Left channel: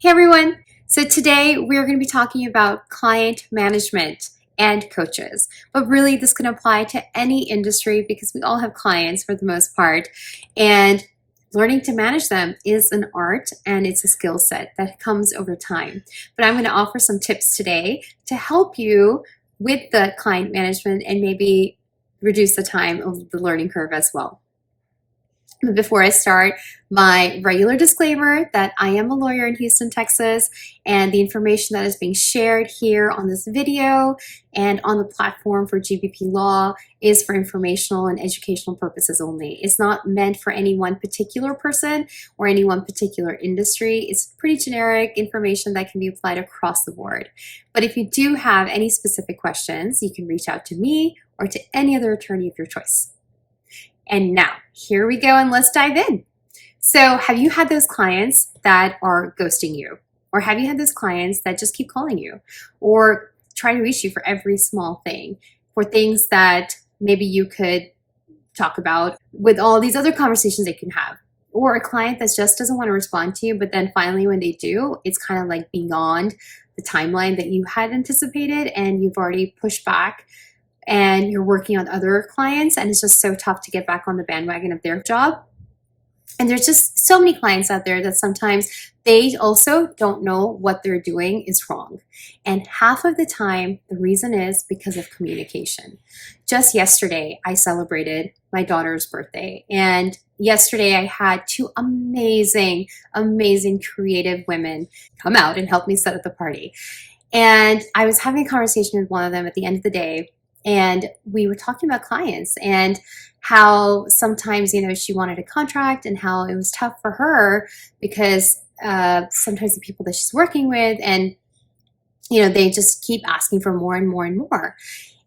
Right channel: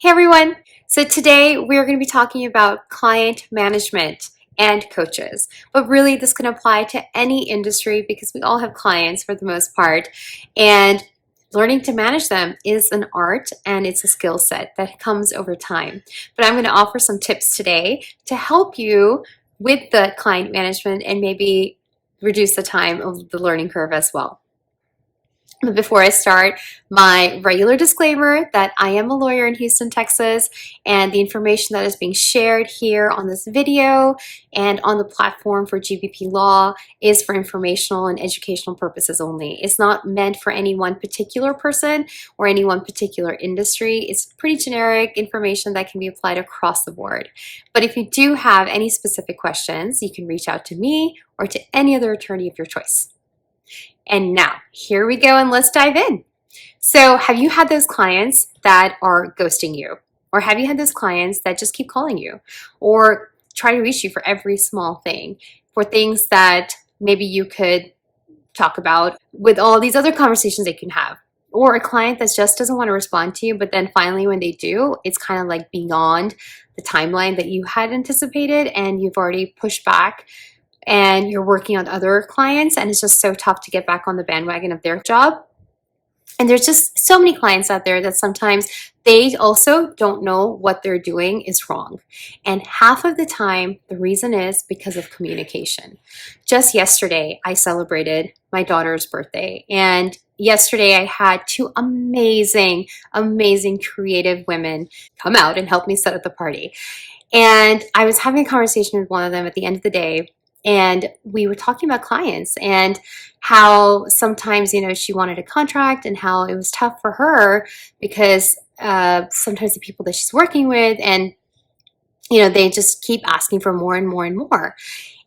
Hey everyone! So today we're going to be talking about client management and coaches. But really this can apply to any industry because we all have clients for the most part. And learning to manage them is an art and it's a skill set that comes over time. But I'm going to offer some tips today to help you with the client management and maybe reduce the time of the learning curve as well. Before I start, my regular disclaimer that I am a lawyer in Houston, Texas, and the information that is being shared here on this video and on the platform for GBP Law is for informational and educational purposes only. It's not meant for any one particular person or any one particular industry. It's pretty generic information that can be applied across the board. But if you do have any specific questions, you can reach out to me or to any other attorney of your choice. And now, here we go, and let's dive in. So have you had those clients that are ghosting you? Or have you had those clients that just keep calling you or try to reach you for every small thing, for things that maybe you could talk about with all these other conversations they can have? Or a client that just doesn't want to respond to you, but then finally when they do, it's kind of like beyond the timeline that you had anticipated and you've already pushed back and you're working on other clients and it's just so tough to get back on the bandwagon of their job. And there's just so many clients out there that sometimes they also don't know what they're doing is wrong. And half of the time, the reason is because of communication. Just yesterday, I celebrated my daughter's birthday. And yesterday, I had two amazing creative women come out and help me set up the party. And I was having a conversation with one of them at the end of the day. And we were talking about clients and how sometimes, she wanted a contract and how it was tough for her because sometimes the people that she's working with and, they just keep asking for more and more and more.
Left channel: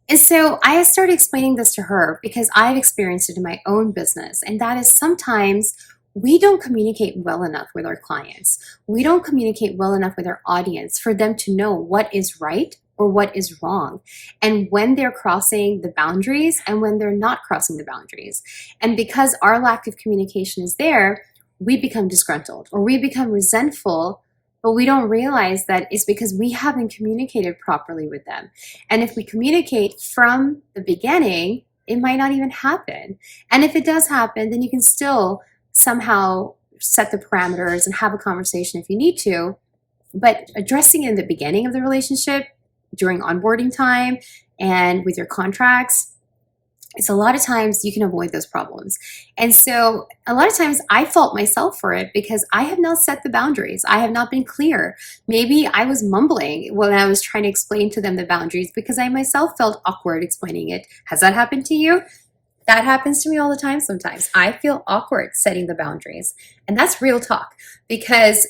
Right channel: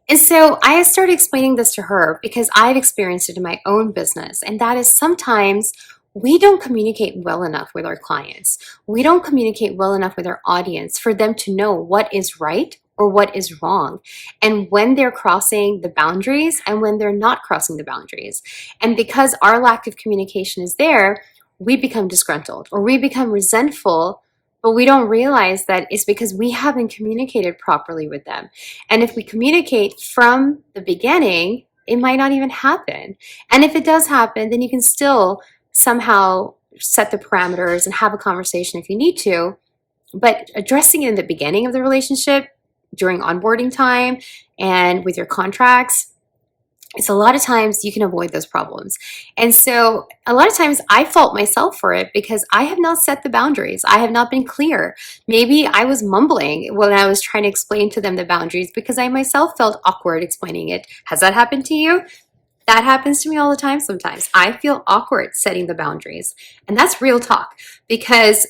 And so I started explaining this to her because I've experienced it in my own business. And that is sometimes we don't communicate well enough with our clients. We don't communicate well enough with our audience for them to know what is right or what is wrong, and when they're crossing the boundaries and when they're not crossing the boundaries. And because our lack of communication is there, we become disgruntled or we become resentful, but we don't realize that it's because we haven't communicated properly with them. And if we communicate from the beginning, it might not even happen. And if it does happen, then you can still somehow set the parameters and have a conversation if you need to. But addressing it in the beginning of the relationship, during onboarding time and with your contracts, it's a lot of times you can avoid those problems. And so a lot of times I fault myself for it because I have not set the boundaries. I have not been clear. Maybe I was mumbling when I was trying to explain to them the boundaries because I myself felt awkward explaining it. Has that happened to you? That happens to me all the time sometimes. I feel awkward setting the boundaries. And that's real talk because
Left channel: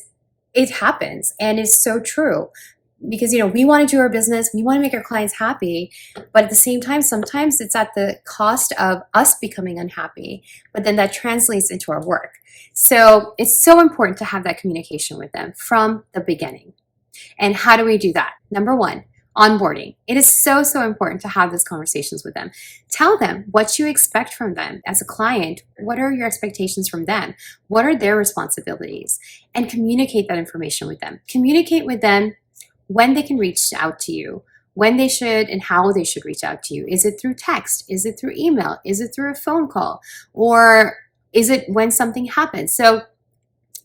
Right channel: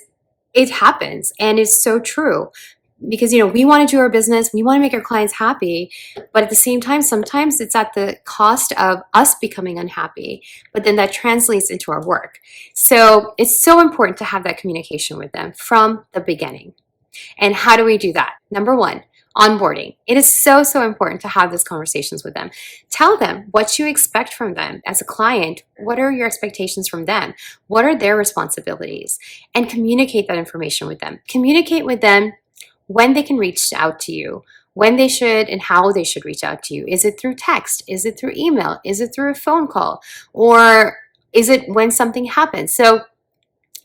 it happens and it's so true. Because, we want to do our business, we want to make our clients happy, but at the same time, sometimes it's at the cost of us becoming unhappy, but then that translates into our work. So it's so important to have that communication with them from the beginning. And how do we do that? Number one, onboarding. It is so important to have those conversations with them. Tell them what you expect from them as a client. What are your expectations from them? What are their responsibilities? And communicate that information with them. Communicate with them when they can reach out to you, when they should and how they should reach out to you. Is it through text? Is it through email? Is it through a phone call? Or is it when something happens? So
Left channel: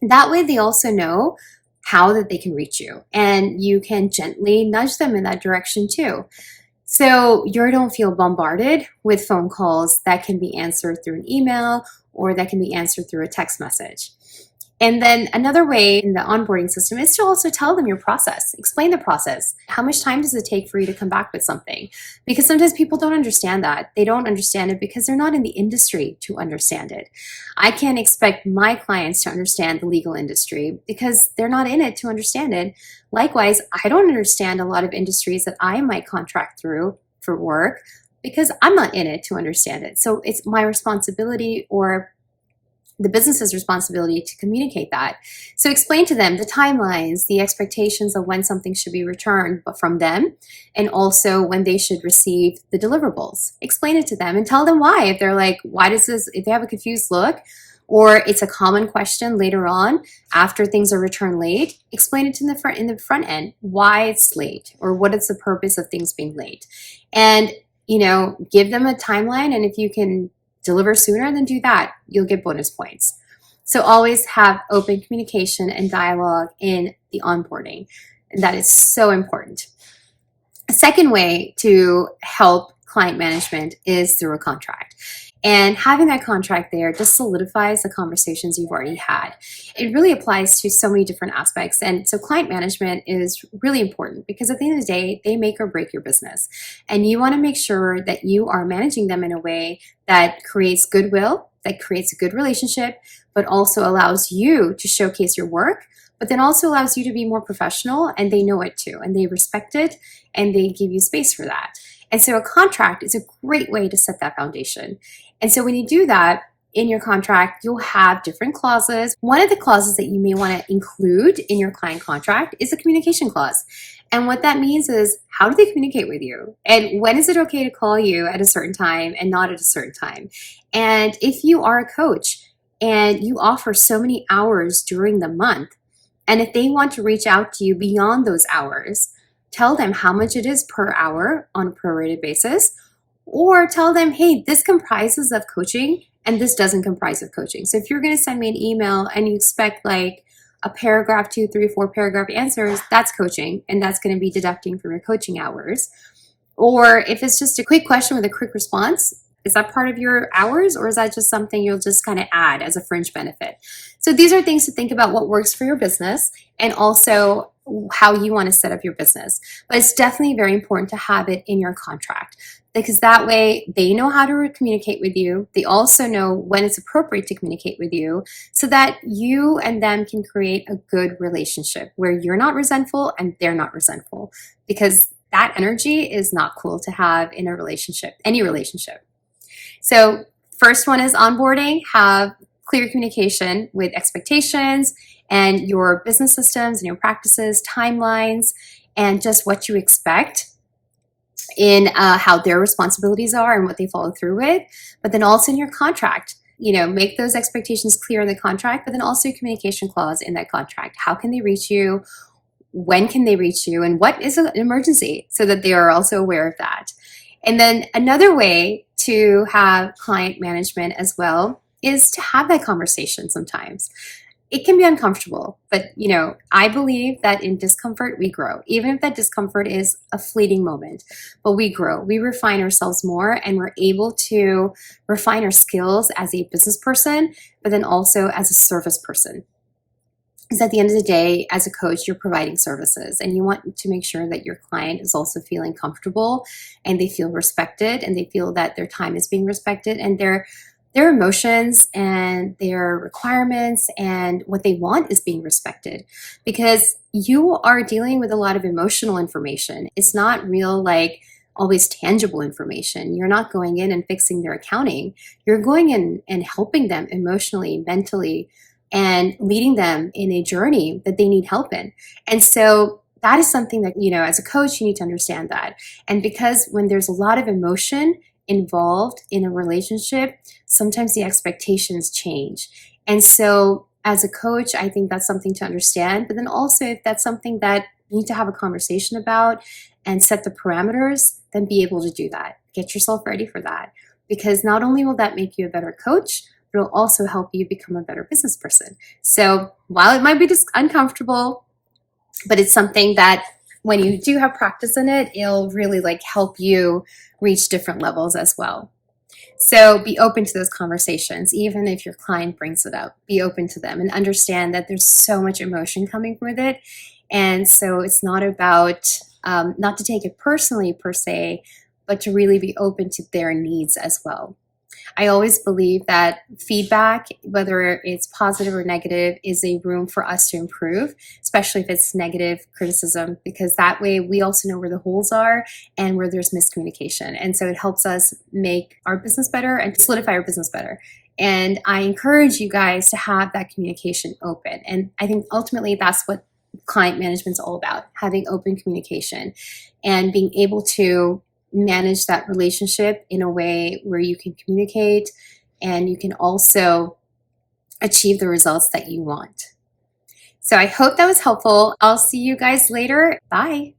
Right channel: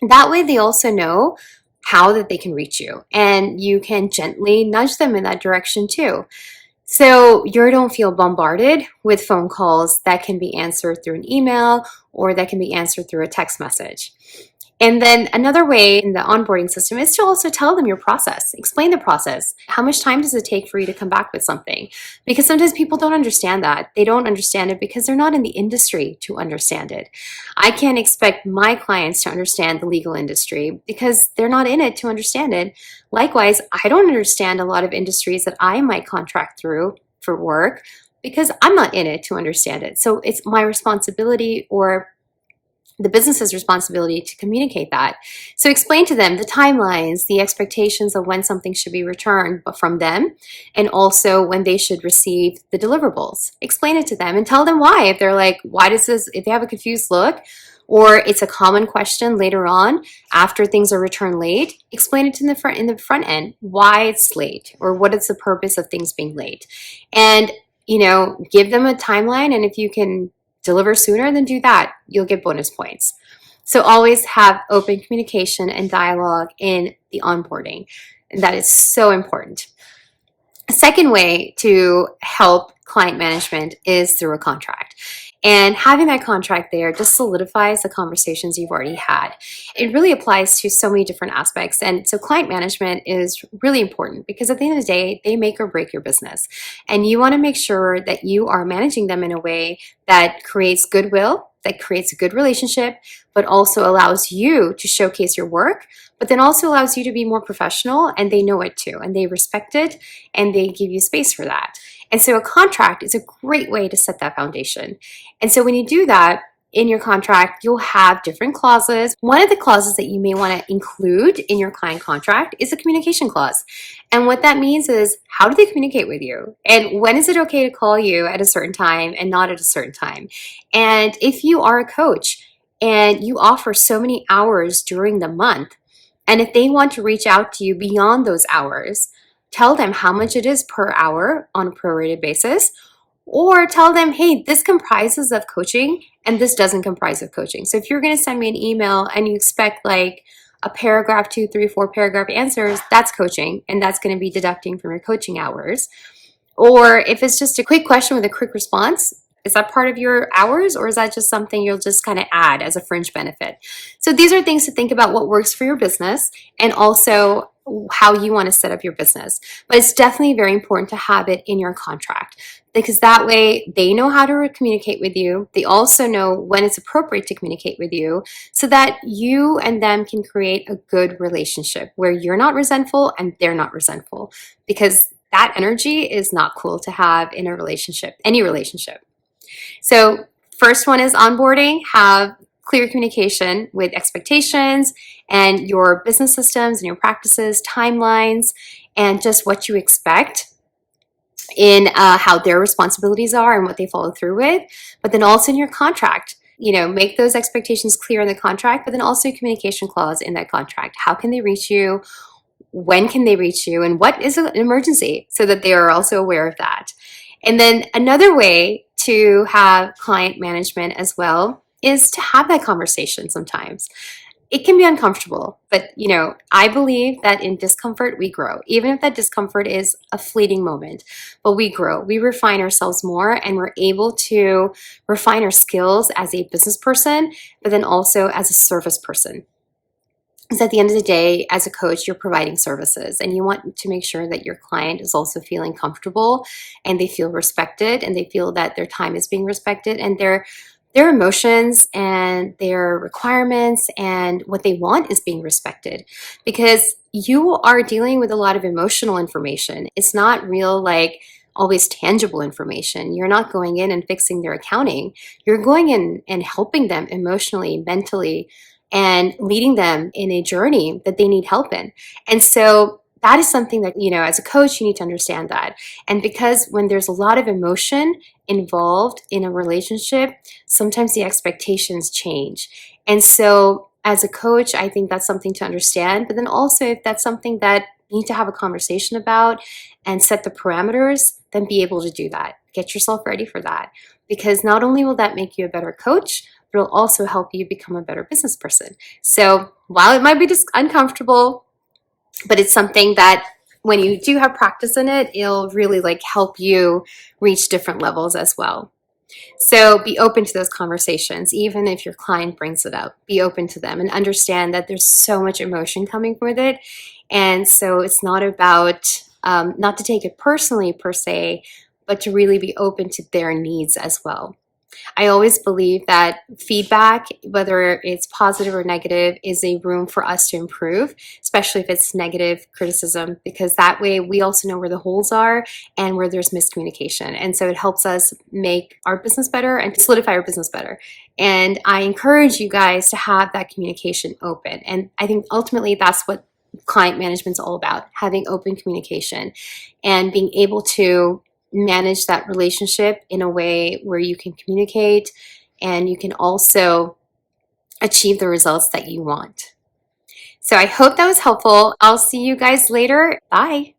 that way they also know how that they can reach you and you can gently nudge them in that direction too. So you don't feel bombarded with phone calls that can be answered through an email or that can be answered through a text message. And then another way in the onboarding system is to also tell them your process. Explain the process. How much time does it take for you to come back with something? Because sometimes people don't understand that. They don't understand it because they're not in the industry to understand it. I can't expect my clients to understand the legal industry because they're not in it to understand it. Likewise, I don't understand a lot of industries that I might contract through for work because I'm not in it to understand it. So it's my responsibility or the business's responsibility to communicate that. So explain to them the timelines, the expectations of when something should be returned from them, and also when they should receive the deliverables. Explain it to them and tell them why. If they're like, why does this, if they have a confused look, or it's a common question later on after things are returned late, explain it in the front end why it's late or what is the purpose of things being late. And give them a timeline, and if you can deliver sooner, then do that. You'll get bonus points. So always have open communication and dialogue in the onboarding. And that is so important. A second way to help client management is through a contract. And having that contract there just solidifies the conversations you've already had. It really applies to so many different aspects. And so client management is really important because at the end of the day, they make or break your business. And you want to make sure that you are managing them in a way that creates goodwill, that creates a good relationship, but also allows you to showcase your work, but then also allows you to be more professional, and they know it too, and they respect it, and they give you space for that. And so a contract is a great way to set that foundation. And so when you do that, in your contract, you'll have different clauses. One of the clauses that you may want to include in your client contract is a communication clause. And what that means is, how do they communicate with you? And when is it okay to call you at a certain time and not at a certain time? And if you are a coach and you offer so many hours during the month, and if they want to reach out to you beyond those hours, tell them how much it is per hour on a prorated basis, or tell them, hey, this comprises of coaching and this doesn't comprise of coaching. So if you're going to send me an email and you expect like a paragraph, 2, 3, 4 paragraph answers, that's coaching, and that's going to be deducting from your coaching hours. Or if it's just a quick question with a quick response, is that part of your hours, or is that just something you'll just kind of add as a fringe benefit? So these are things to think about, what works for your business and also how you want to set up your business. But it's definitely very important to have it in your contract, because that way they know how to communicate with you. They also know when it's appropriate to communicate with you, so that you and them can create a good relationship where you're not resentful and they're not resentful, because that energy is not cool to have in a relationship, any relationship. So first one is onboarding. Have clear communication with expectations and your business systems and your practices, timelines, and just what you expect in how their responsibilities are and what they follow through with. But then also in your contract, make those expectations clear in the contract, but then also a communication clause in that contract. How can they reach you? When can they reach you? And what is an emergency, so that they are also aware of that. And then another way to have client management as well is to have that conversation sometimes. It can be uncomfortable, but I believe that in discomfort, we grow. Even if that discomfort is a fleeting moment, but we grow, we refine ourselves more, and we're able to refine our skills as a business person, but then also as a service person. Because at the end of the day, as a coach, you're providing services, and you want to make sure that your client is also feeling comfortable, and they feel respected, and they feel that their time is being respected, and their emotions and their requirements and what they want is being respected. Because you are dealing with a lot of emotional information. It's not real, like always tangible information. You're not going in and fixing their accounting. You're going in and helping them emotionally, mentally, and leading them in a journey that they need help in. And so that is something that, as a coach, you need to understand that. And because when there's a lot of emotion involved in a relationship, sometimes the expectations change. And so as a coach, I think that's something to understand. But then also, if that's something that you need to have a conversation about and set the parameters, then be able to do that. Get yourself ready for that. Because not only will that make you a better coach, but it'll also help you become a better business person. So while it might be just uncomfortable, but it's something that when you do have practice in it, it'll really help you reach different levels as well. So be open to those conversations. Even if your client brings it up, be open to them and understand that there's so much emotion coming with it. And so it's not about, not to take it personally per se, but to really be open to their needs as well. I always believe that feedback, whether it's positive or negative, is a room for us to improve, especially if it's negative criticism, because that way we also know where the holes are and where there's miscommunication. And so it helps us make our business better and solidify our business better. And I encourage you guys to have that communication open. And I think ultimately that's what client management is all about, having open communication and being able to manage that relationship in a way where you can communicate and you can also achieve the results that you want. So I hope that was helpful. I'll see you guys later. Bye.